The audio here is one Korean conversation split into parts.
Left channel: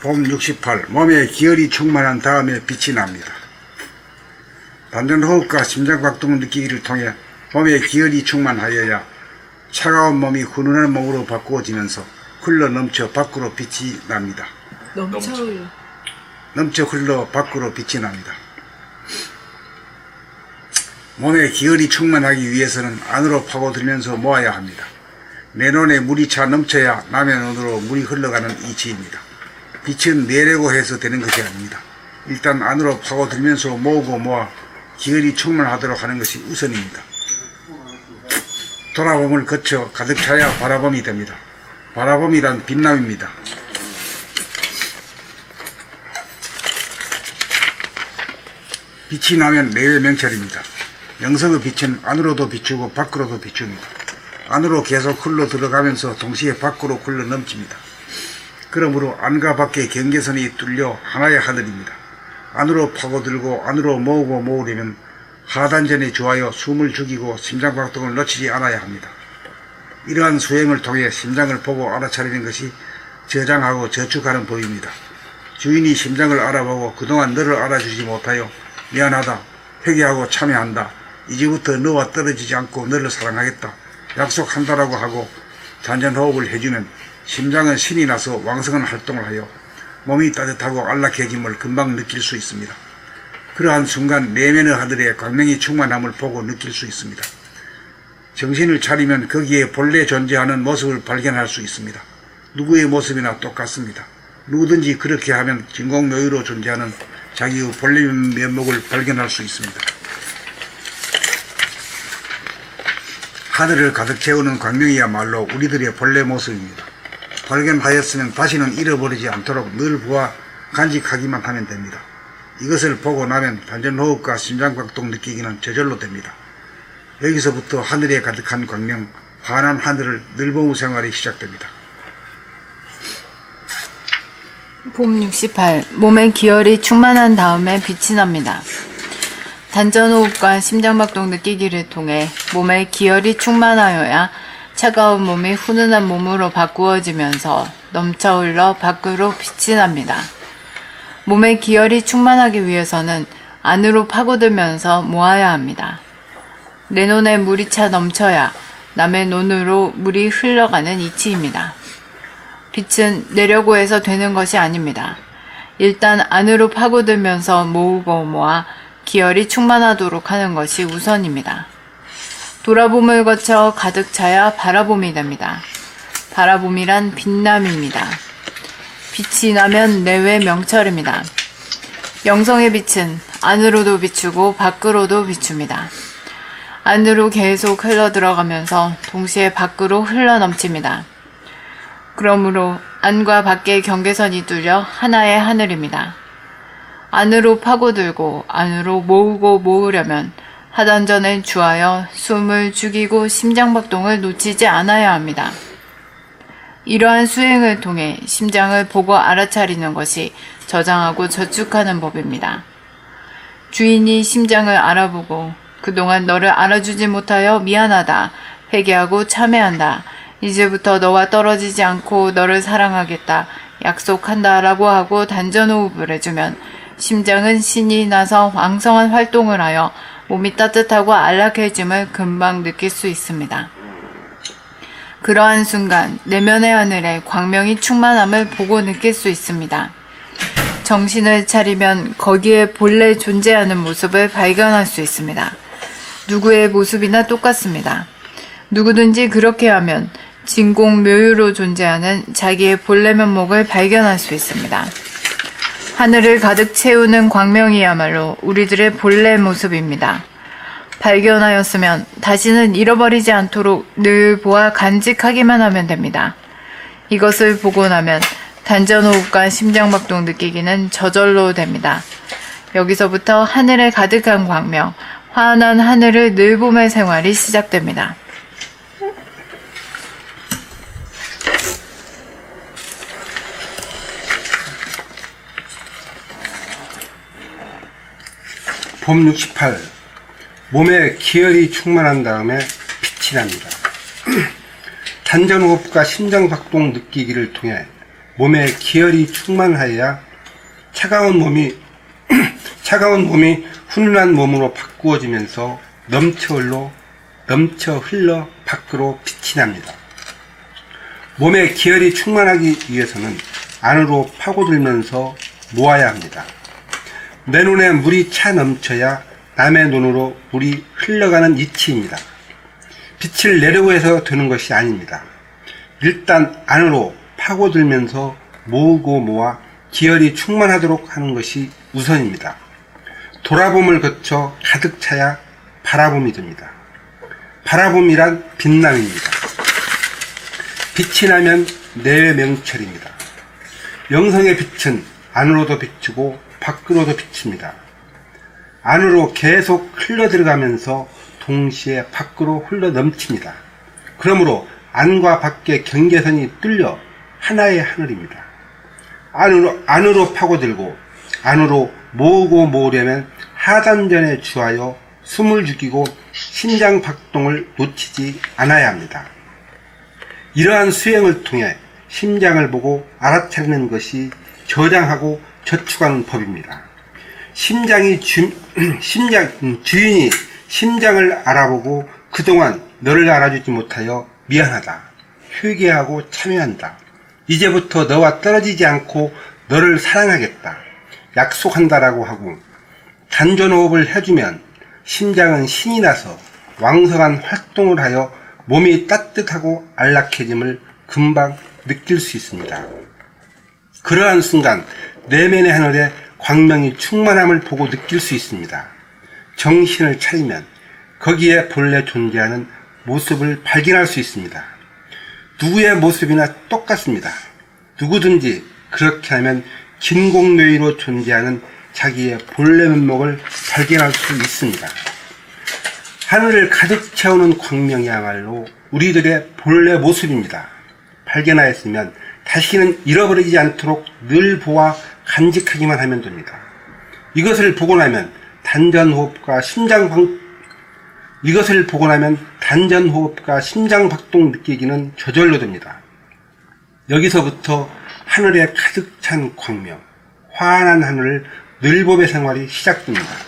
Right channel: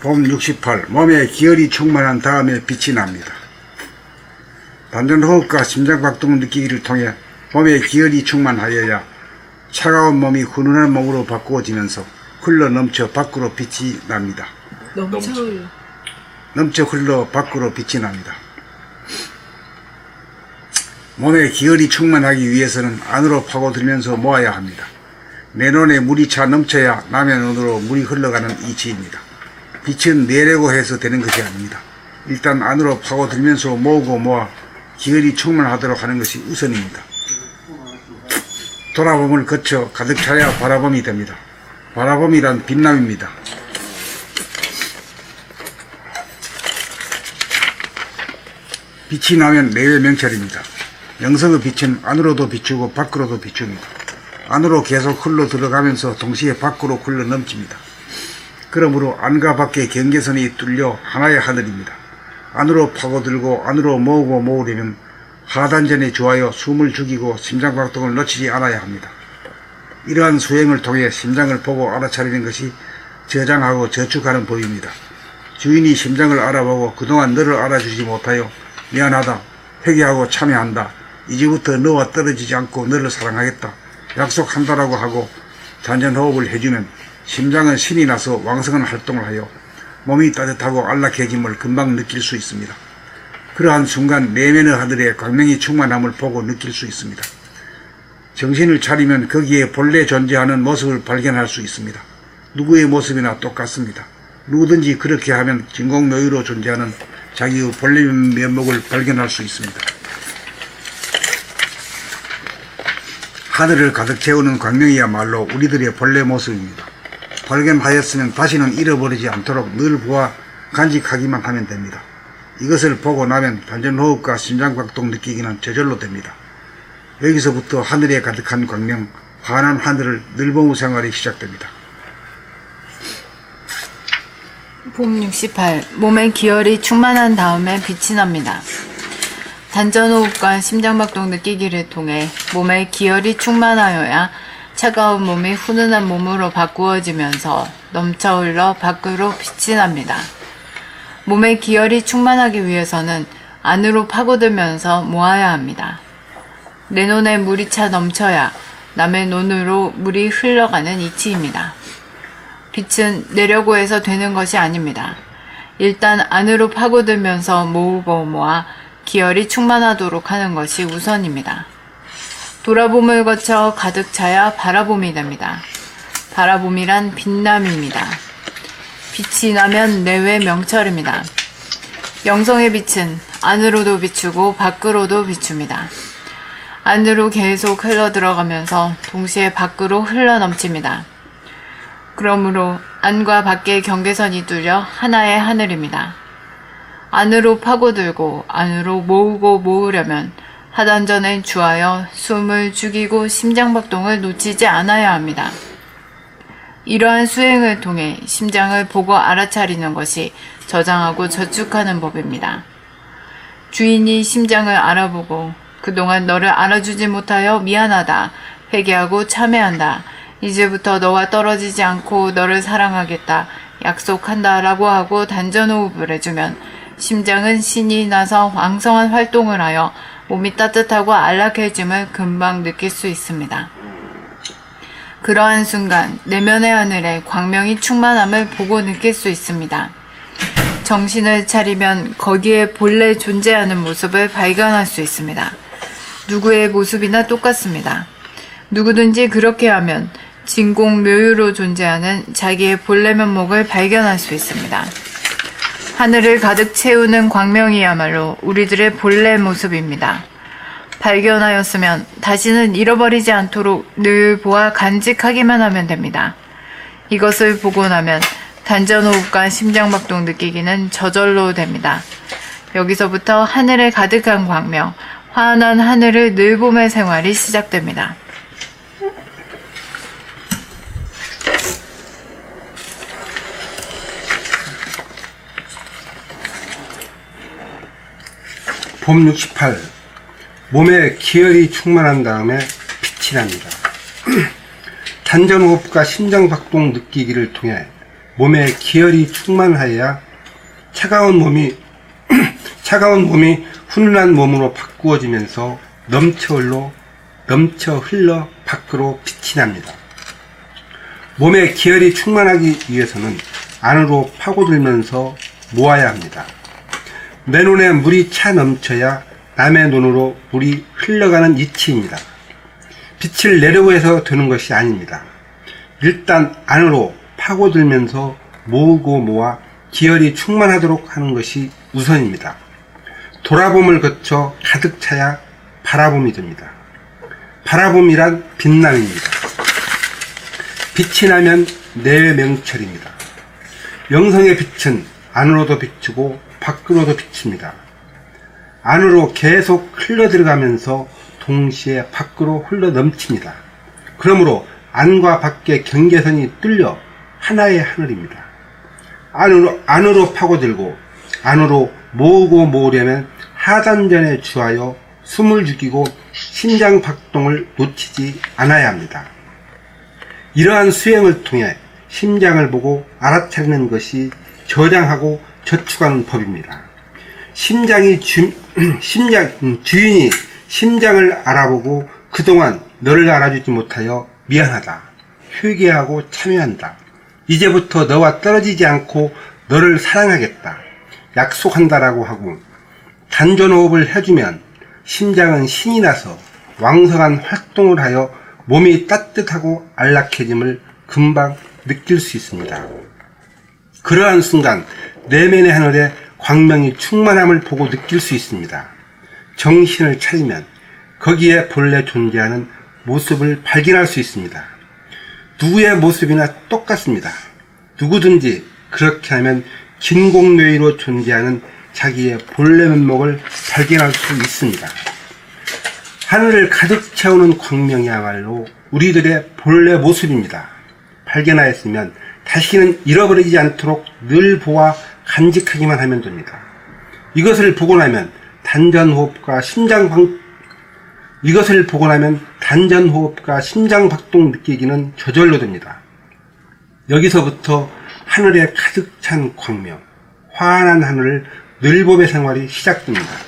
봄 68. 몸에 기혈이 충만한 다음에 빛이 납니다. 단전호흡과 심장박동을 느끼기를 통해 몸에 기혈이 충만하여야 차가운 몸이 훈훈한 몸으로 바꾸어지면서 흘러 넘쳐 밖으로 빛이 납니다. 넘쳐 흘러 밖으로 빛이 납니다. 몸에 기혈이 충만하기 위해서는 안으로 파고들면서 모아야 합니다. 내 눈에 물이 차 넘쳐야 남의 눈으로 물이 흘러가는 이치입니다. 빛은 내려고 해서 되는 것이 아닙니다. 일단 안으로 파고들면서 모으고 모아 기혈이 충만하도록 하는 것이 우선입니다. 돌아봄을 거쳐 가득 차야 바라봄이 됩니다. 바라봄이란 빛남입니다. 빛이 나면 내외 명철입니다. 영성의 빛은 안으로도 비추고 밖으로도 비춥니다. 안으로 계속 흘러 들어가면서 동시에 밖으로 흘러 넘칩니다. 그러므로 안과 밖의 경계선이 뚫려 하나의 하늘입니다. 안으로 파고들고 안으로 모으고 모으려면 하단전에 주하여 숨을 죽이고 심장박동을 놓치지 않아야 합니다. 이러한 수행을 통해 심장을 보고 알아차리는 것이 저장하고 저축하는 법입니다. 주인이 심장을 알아보고 그동안 너를 알아주지 못하여 미안하다, 회개하고 참여한다, 이제부터 너와 떨어지지 않고 너를 사랑하겠다, 약속한다라고 하고 단전호흡을 해주면 심장은 신이 나서 왕성한 활동을 하여 몸이 따뜻하고 안락해짐을 금방 느낄 수 있습니다. 그러한 순간 내면의 하늘에 광명이 충만함을 보고 느낄 수 있습니다. 정신을 차리면 거기에 본래 존재하는 모습을 발견할 수 있습니다. 누구의 모습이나 똑같습니다. 누구든지 그렇게 하면 진공묘유로 존재하는 자기의 본래 면목을 발견할 수 있습니다. 하늘을 가득 채우는 광명이야말로 우리들의 본래 모습입니다. 발견하였으면 다시는 잃어버리지 않도록 늘 보아 간직하기만 하면 됩니다. 이것을 보고 나면 단전호흡과 심장박동 느끼기는 저절로 됩니다. 여기서부터 하늘에 가득한 광명, 환한 하늘을 늘 보무 생활이 시작됩니다. 봄 68. 몸에 기혈이 충만한 다음에 빛이 납니다. 단전호흡과 심장박동 느끼기를 통해 몸에 기혈이 충만하여야 차가운 몸이 훈훈한 몸으로 바꾸어지면서 넘쳐 흘러 밖으로 빛이 납니다. 몸에 기혈이 충만하기 위해서는 안으로 파고들면서 모아야 합니다. 내 눈에 물이 차 넘쳐야 남의 눈으로 물이 흘러가는 이치입니다. 빛은 내려고 해서 되는 것이 아닙니다. 일단 안으로 파고들면서 모으고 모아 기혈이 충만하도록 하는 것이 우선입니다. 돌아봄을 거쳐 가득 차야 바라봄이 됩니다. 바라봄이란 빛남입니다. 빛이 나면 내외 명철입니다. 영성의 빛은 안으로도 비추고 밖으로도 비춥니다. 안으로 계속 흘러 들어가면서 동시에 밖으로 흘러 넘칩니다. 그러므로 안과 밖의 경계선이 뚫려 하나의 하늘입니다. 안으로 파고들고 안으로 모으고 모으려면 하단전에 주하여 숨을 죽이고 심장박동을 놓치지 않아야 합니다. 이러한 수행을 통해 심장을 보고 알아차리는 것이 저장하고 저축하는 법입니다. 주인이 심장을 알아보고 그동안 너를 알아주지 못하여 미안하다, 회개하고 참회한다, 이제부터 너와 떨어지지 않고 너를 사랑하겠다, 약속한다 라고 하고 단전호흡을 해주면 심장은 신이 나서 왕성한 활동을 하여 몸이 따뜻하고 안락해짐을 금방 느낄 수 있습니다. 그러한 순간 내면의 하늘에 광명이 충만함을 보고 느낄 수 있습니다. 정신을 차리면 거기에 본래 존재하는 모습을 발견할 수 있습니다. 누구의 모습이나 똑같습니다. 누구든지 그렇게 하면 진공묘유로 존재하는 자기의 본래 면목을 발견할 수 있습니다. 하늘을 가득 채우는 광명이야말로 우리들의 본래 모습입니다. 발견하였으면 다시는 잃어버리지 않도록 늘 보아 간직하기만 하면 됩니다. 이것을 보고 나면 단전호흡과 심장박동 느끼기는 저절로 됩니다. 여기서부터 하늘에 가득한 광명, 환한 하늘을 늘 보며 생활이 시작됩니다. 봄 68. 몸에 기혈이 충만한 다음에 빛이 납니다. 단전호흡과 심장박동 느끼기를 통해 몸에 기혈이 충만하여야 차가운 몸이 훈훈한 몸으로 바꾸어지면서 넘쳐 흘러 밖으로 빛이 납니다. 몸에 기혈이 충만하기 위해서는 안으로 파고들면서 모아야 합니다. 내 눈에 물이 차 넘쳐야 남의 눈으로 물이 흘러가는 이치입니다. 빛을 내려고 해서 되는 것이 아닙니다. 일단 안으로 파고들면서 모으고 모아 기혈이 충만하도록 하는 것이 우선입니다. 돌아봄을 거쳐 가득 차야 바라봄이 됩니다. 바라봄이란 빛남입니다. 빛이 나면 내명철입니다. 영성의 빛은 안으로도 비추고 밖으로도 비칩니다. 안으로 계속 흘러 들어가면서 동시에 밖으로 흘러 넘칩니다. 그러므로 안과 밖의 경계선이 뚫려 하나의 하늘입니다. 안으로 파고들고 안으로 모으고 모으려면 하단전에 주하여 숨을 죽이고 심장 박동을 놓치지 않아야 합니다. 이러한 수행을 통해 심장을 보고 알아차리는 것이 저장하고 저축하는 법입니다. 주인이 심장을 알아보고 그동안 너를 알아주지 못하여 미안하다, 회개하고 참여한다. 이제부터 너와 떨어지지 않고 너를 사랑하겠다, 약속한다라고 하고 단전호흡을 해주면 심장은 신이 나서 왕성한 활동을 하여 몸이 따뜻하고 안락해짐을 금방 느낄 수 있습니다. 그러한 순간 내면의 하늘에 광명이 충만함을 보고 느낄 수 있습니다. 정신을 차리면 거기에 본래 존재하는 모습을 발견할 수 있습니다. 누구의 모습이나 똑같습니다. 누구든지 그렇게 하면 진공뇌위로 존재하는 자기의 본래 면목을 발견할 수 있습니다. 하늘을 가득 채우는 광명이야말로 우리들의 본래 모습입니다. 발견하였으면 다시는 잃어버리지 않도록 늘 보아 간직하기만 하면 됩니다. 이것을 보고 나면 단전호흡과 심장박동 느끼기는 저절로 됩니다. 여기서부터 하늘에 가득 찬 광명, 환한 하늘을 늘봄의 생활이 시작됩니다.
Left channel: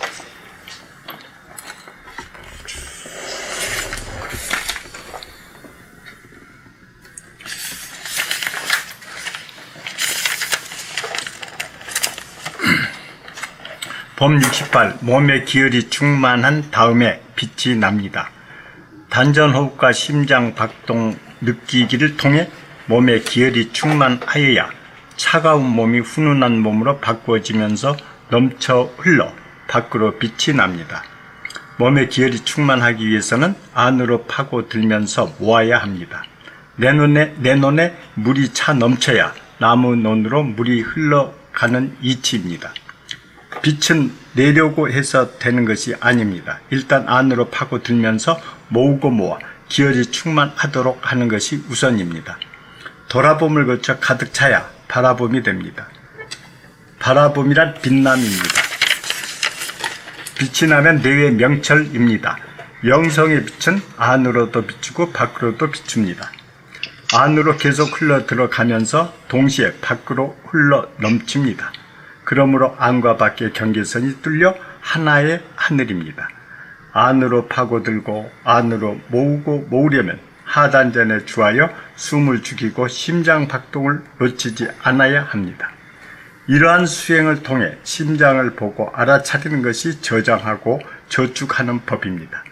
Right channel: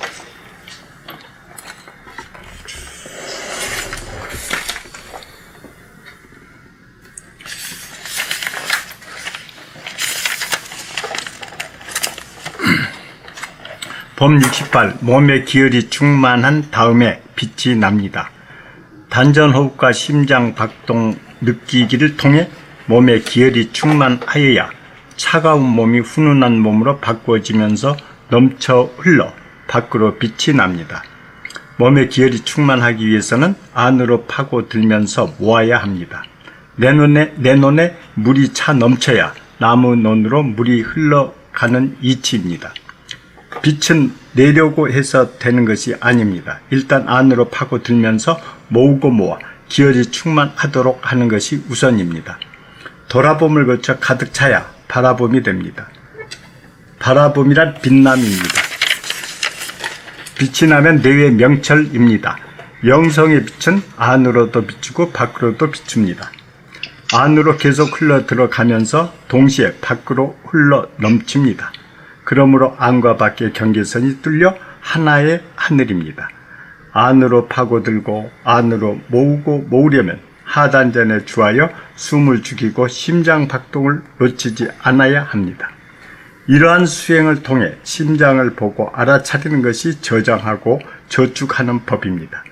법 68. 몸에 기혈이 충만한 다음에 빛이 납니다. 단전호흡과 심장박동 느끼기를 통해 몸에 기혈이 충만하여야 차가운 몸이 훈훈한 몸으로 바꾸어지면서 넘쳐 흘러 밖으로 빛이 납니다. 몸에 기혈이 충만하기 위해서는 안으로 파고들면서 모아야 합니다. 내 눈에 물이 차 넘쳐야 남의 눈으로 물이 흘러가는 이치입니다. 빛은 내려고 해서 되는 것이 아닙니다. 일단 안으로 파고들면서 모으고 모아 기혈이 충만하도록 하는 것이 우선입니다. 돌아봄을 거쳐 가득 차야 바라봄이 됩니다. 바라봄이란 빛남입니다. 빛이 나면 내외 명철입니다. 영성의 빛은 안으로도 비추고 밖으로도 비춥니다. 안으로 계속 흘러 들어가면서 동시에 밖으로 흘러 넘칩니다. 그러므로 안과 밖의 경계선이 뚫려 하나의 하늘입니다. 안으로 파고들고 안으로 모으려면 하단전에 주하여 숨을 죽이고 심장 박동을 놓치지 않아야 합니다. 이러한 수행을 통해 심장을 보고 알아차리는 것이 저장하고 저축하는 법입니다.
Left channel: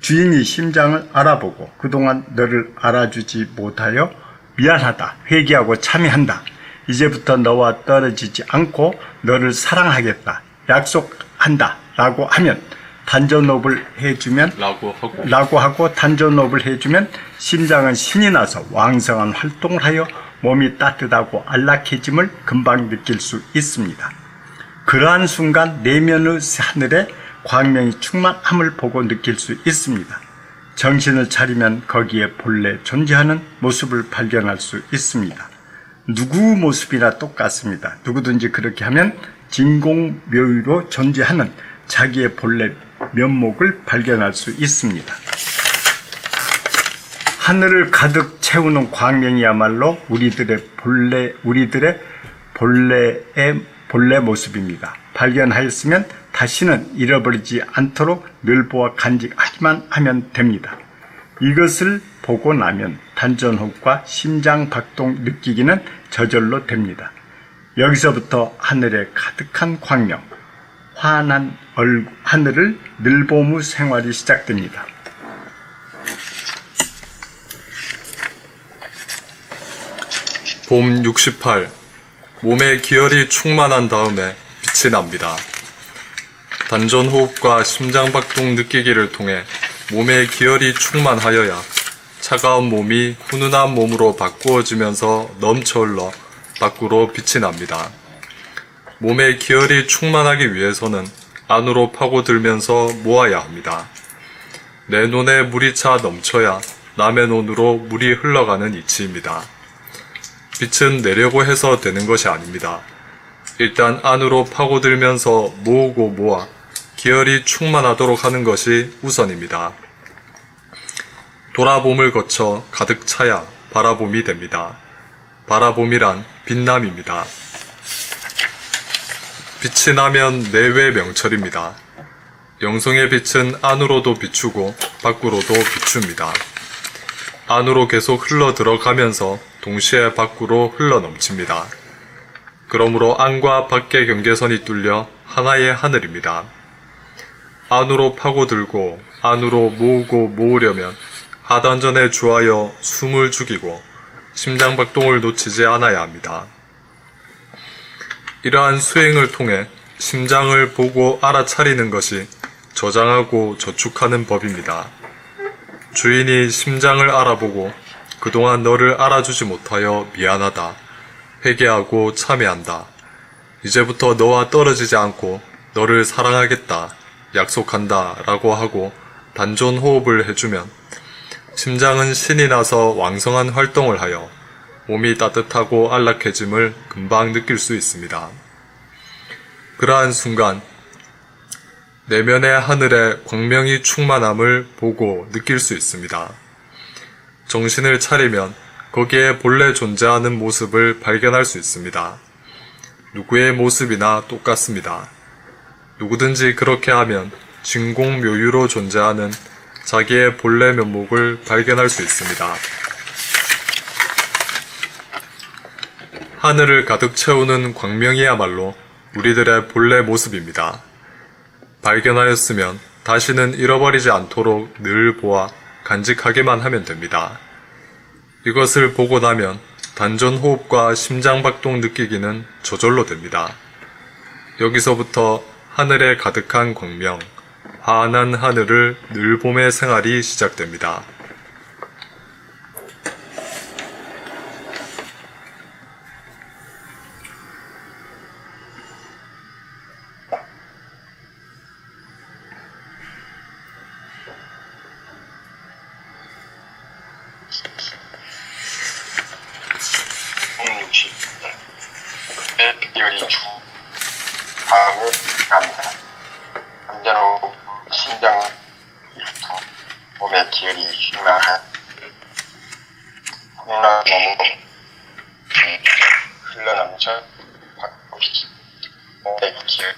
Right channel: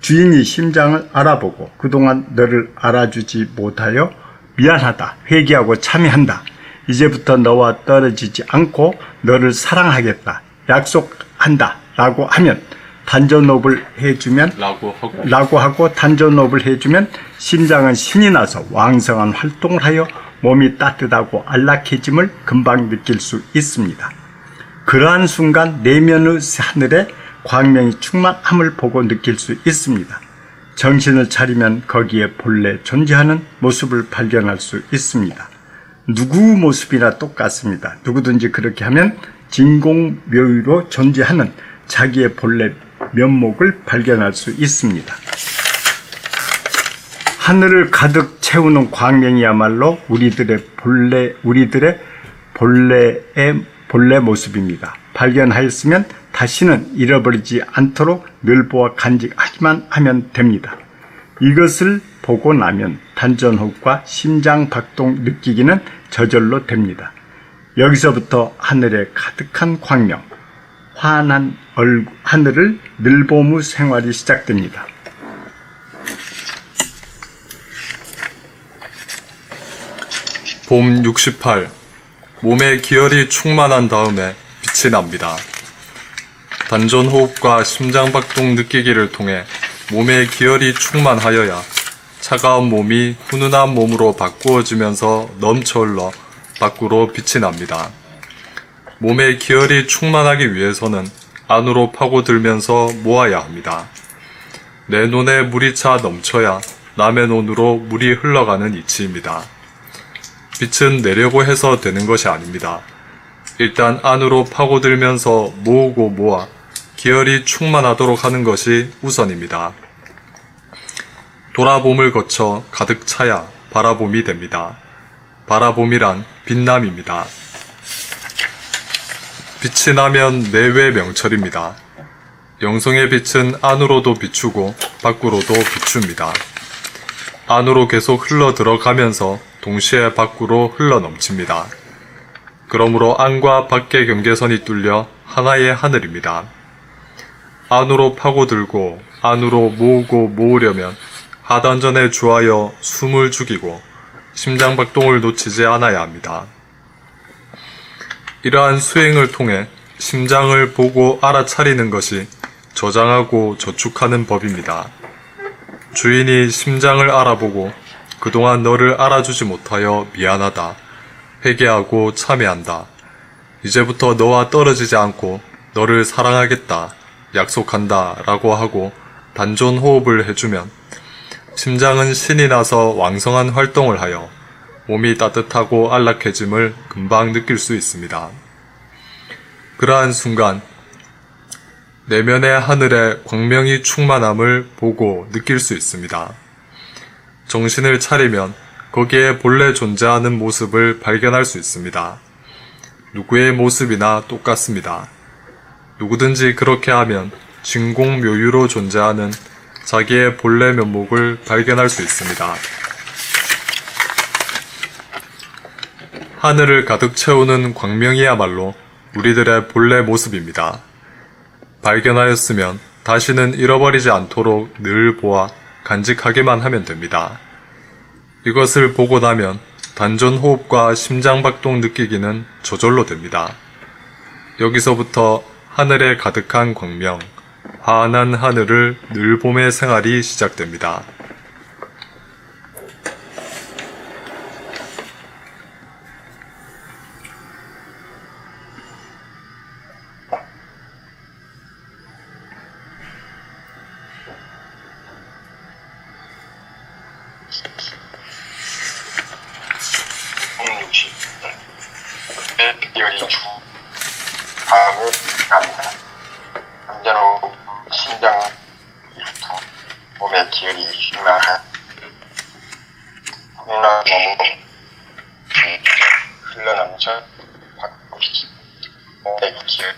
주인이 심장을 알아보고 그동안 너를 알아주지 못하여 미안하다, 회개하고 참여한다. 이제부터 너와 떨어지지 않고 너를 사랑하겠다, 약속한다 라고 하면 단전호흡을 해주면 라고 하고 단전호흡을 해주면 심장은 신이 나서 왕성한 활동을 하여 몸이 따뜻하고 안락해짐을 금방 느낄 수 있습니다. 그러한 순간 내면의 하늘에 광명이 충만함을 보고 느낄 수 있습니다. 정신을 차리면 거기에 본래 존재하는 모습을 발견할 수 있습니다. 누구 모습이나 똑같습니다. 누구든지 그렇게 하면 진공묘유로 존재하는 자기의 본래 면목을 발견할 수 있습니다. 하늘을 가득 채우는 광명이야말로 우리들의 본래 모습입니다. 발견하였으면 다시는 잃어버리지 않도록 늘 보아 간직하기만 하면 됩니다. 이것을 보고 나면 단전호흡과 심장박동 느끼기는 저절로 됩니다. 여기서부터 하늘에 가득한 광명, 환한 하늘을 늘 보무 생활이 시작됩니다. 봄 68. 몸에 기혈이 충만한 다음에 빛이 납니다. 단전호흡과 심장박동 느끼기를 통해 몸에 기혈이 충만하여야 차가운 몸이 훈훈한 몸으로 바꾸어지면서 넘쳐흘러 밖으로 빛이 납니다. 몸에 기혈이 충만하기 위해서는 안으로 파고들면서 모아야 합니다. 내 논에 물이 차 넘쳐야 남의 논으로 물이 흘러가는 이치입니다. 빛은 내려고 해서 되는 것이 아닙니다. 일단 안으로 파고들면서 모으고 모아 기혈이 충만하도록 하는 것이 우선입니다. 돌아봄을 거쳐 가득 차야 바라봄이 됩니다. 바라봄이란 빛남입니다. 빛이 나면 내외 명철입니다. 영성의 빛은 안으로도 비추고 밖으로도 비춥니다. 안으로 계속 흘러 들어가면서 동시에 밖으로 흘러 넘칩니다. 그러므로 안과 밖의 경계선이 뚫려 하나의 하늘입니다. 안으로 파고들고 안으로 모으고 모으려면 하단전에 주하여 숨을 죽이고 심장박동을 놓치지 않아야 합니다. 이러한 수행을 통해 심장을 보고 알아차리는 것이 저장하고 저축하는 법입니다. 주인이 심장을 알아보고 그동안 너를 알아주지 못하여 미안하다, 회개하고 참회한다. 이제부터 너와 떨어지지 않고 너를 사랑하겠다, 약속한다 라고 하고 단전호흡을 해주면 심장은 신이 나서 왕성한 활동을 하여 몸이 따뜻하고 안락해짐을 금방 느낄 수 있습니다. 그러한 순간 내면의 하늘에 광명이 충만함을 보고 느낄 수 있습니다. 정신을 차리면 거기에 본래 존재하는 모습을 발견할 수 있습니다. 누구의 모습이나 똑같습니다. 누구든지 그렇게 하면 진공묘유로 존재하는 자기의 본래 면목을 발견할 수 있습니다. 하늘을 가득 채우는 광명이야말로 우리들의 본래 모습입니다. 발견하였으면 다시는 잃어버리지 않도록 늘 보아 간직하기만 하면 됩니다. 이것을 보고 나면 단전호흡과 심장박동 느끼기는 저절로 됩니다. 여기서부터 하늘에 가득한 광명, 환한 하늘을 늘 봄의 생활이 시작됩니다. 기혈이 다음에 갑니다. 남자로 심장 몸에 기혈이 충만한 콩나 몸으로 흘러넘쳐 몸의 기혈